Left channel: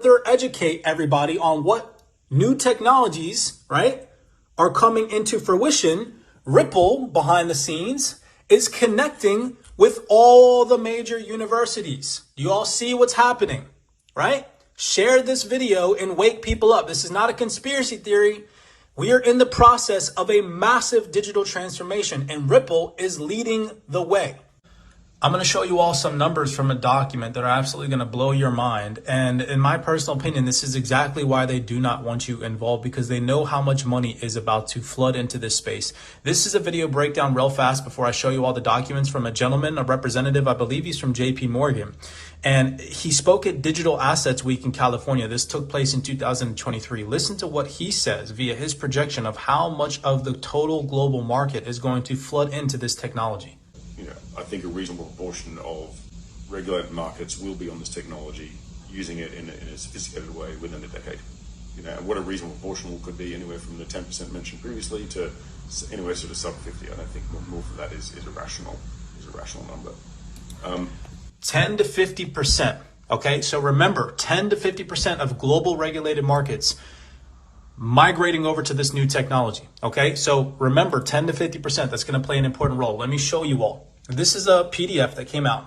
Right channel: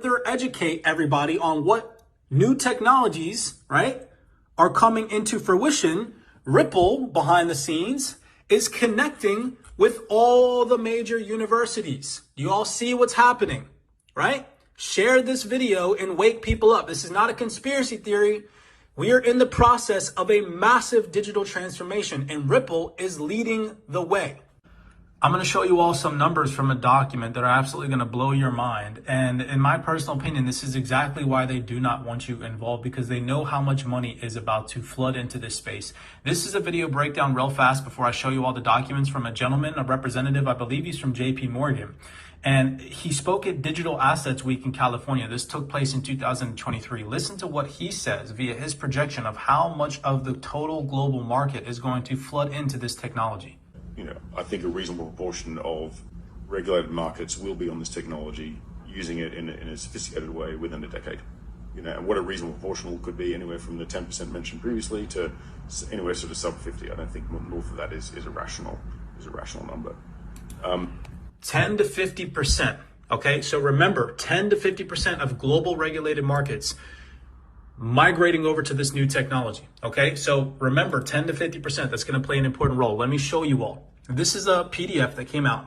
further educate everybody on what new technologies, right, are coming into fruition, Ripple behind the scenes is connecting with all the major universities. You all see what's happening, right? Share this video and wake people up. This is not a conspiracy theory. We are in the process of a massive digital transformation, and Ripple is leading the way. I'm going to show you all some numbers from a document that are absolutely going to blow your mind. And in my personal opinion, this is exactly why they do not want you involved, because they know how much money is about to flood into this space. This is a video breakdown real fast before I show you all the documents from a gentleman, a representative, I believe he's from JP Morgan. And he spoke at Digital Assets Week in California. This took place in 2023. Listen to what he says via his projection of how much of the total global market is going to flood into this technology. I think a reasonable proportion of regulated markets will be on this technology, using it in a sophisticated way within a decade. And what a reasonable proportion could be, anywhere from the 10% mentioned previously to anywhere sort of sub 50. I don't think north of that is a rational number. 10 to 50%. Okay, so remember, 10 to 50% of global regulated markets migrating over to this new technology. Okay, so remember, 10 to 50%, that's going to play an important role. Let me show you all. This is a PDF that came out.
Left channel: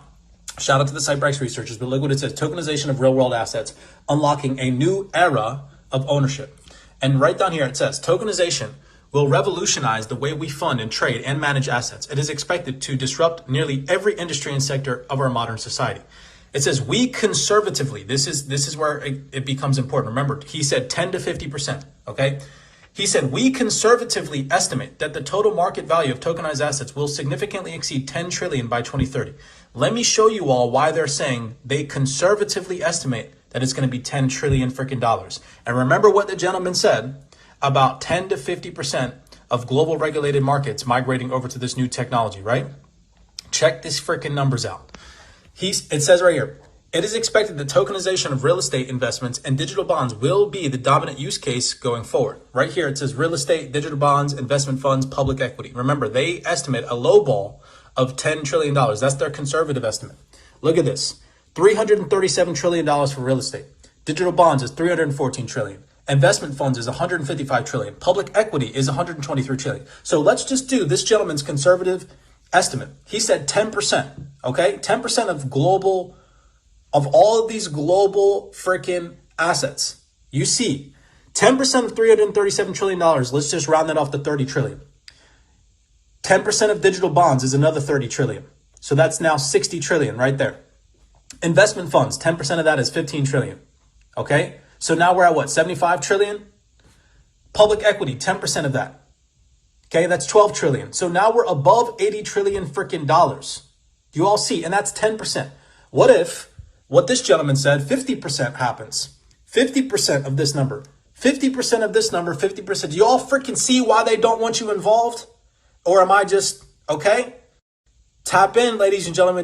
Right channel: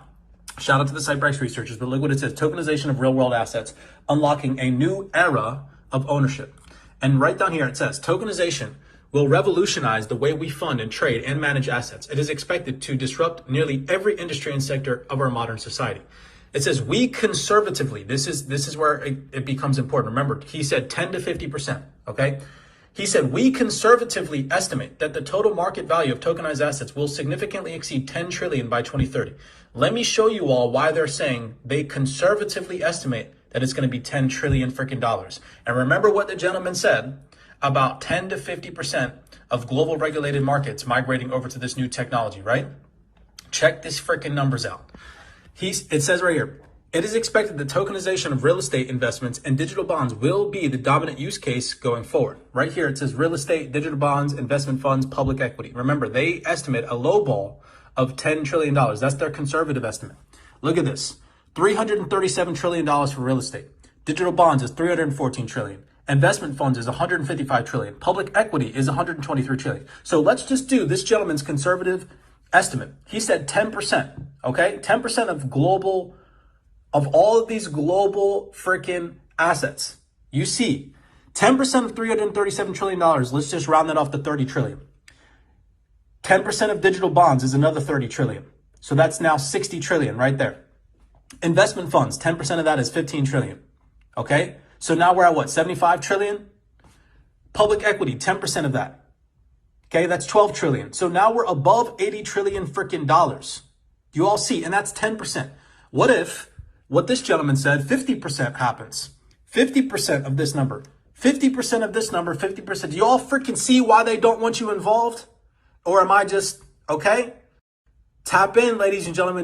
Shout out to the Cyprex researchers, but look what it says: tokenization of real world assets, unlocking a new era of ownership. And right down here it says, tokenization will revolutionize the way we fund and trade and manage assets. It is expected to disrupt nearly every industry and sector of our modern society. It says, we conservatively, this is where it becomes important. Remember, he said 10 to 50%, okay? He said, we conservatively estimate that the total market value of tokenized assets will significantly exceed 10 trillion by 2030. Let me show you all why they're saying they conservatively estimate that it's going to be 10 trillion freaking dollars. And remember what the gentleman said about 10 to 50% of global regulated markets migrating over to this new technology, right? Check these freaking numbers out. It says right here, it is expected that tokenization of real estate investments and digital bonds will be the dominant use case going forward. Right here, it says real estate, digital bonds, investment funds, public equity. Remember, they estimate a low ball of $10 trillion. That's their conservative estimate. Look at this, $337 trillion for real estate. Digital bonds is $314 trillion. Investment funds is $155 trillion. Public equity is $123 trillion. So let's just do this gentleman's conservative estimate. He said 10%, okay? 10% of all of these global freaking assets. You see, 10% of $337 trillion, let's just round that off to 30 trillion. 10% of digital bonds is another 30 trillion. So that's now 60 trillion right there. Investment funds, 10% of that is 15 trillion. Okay? So now we're at what, 75 trillion? Public equity, 10% of that. Okay, that's 12 trillion. So now we're above 80 trillion freaking dollars. You all see, and that's 10%. What if what this gentleman said, 50% happens? 50% of this number, 50% of this number, 50%. Do you all freaking see why they don't want you involved? Or am I just, okay? Tap in, ladies and gentlemen.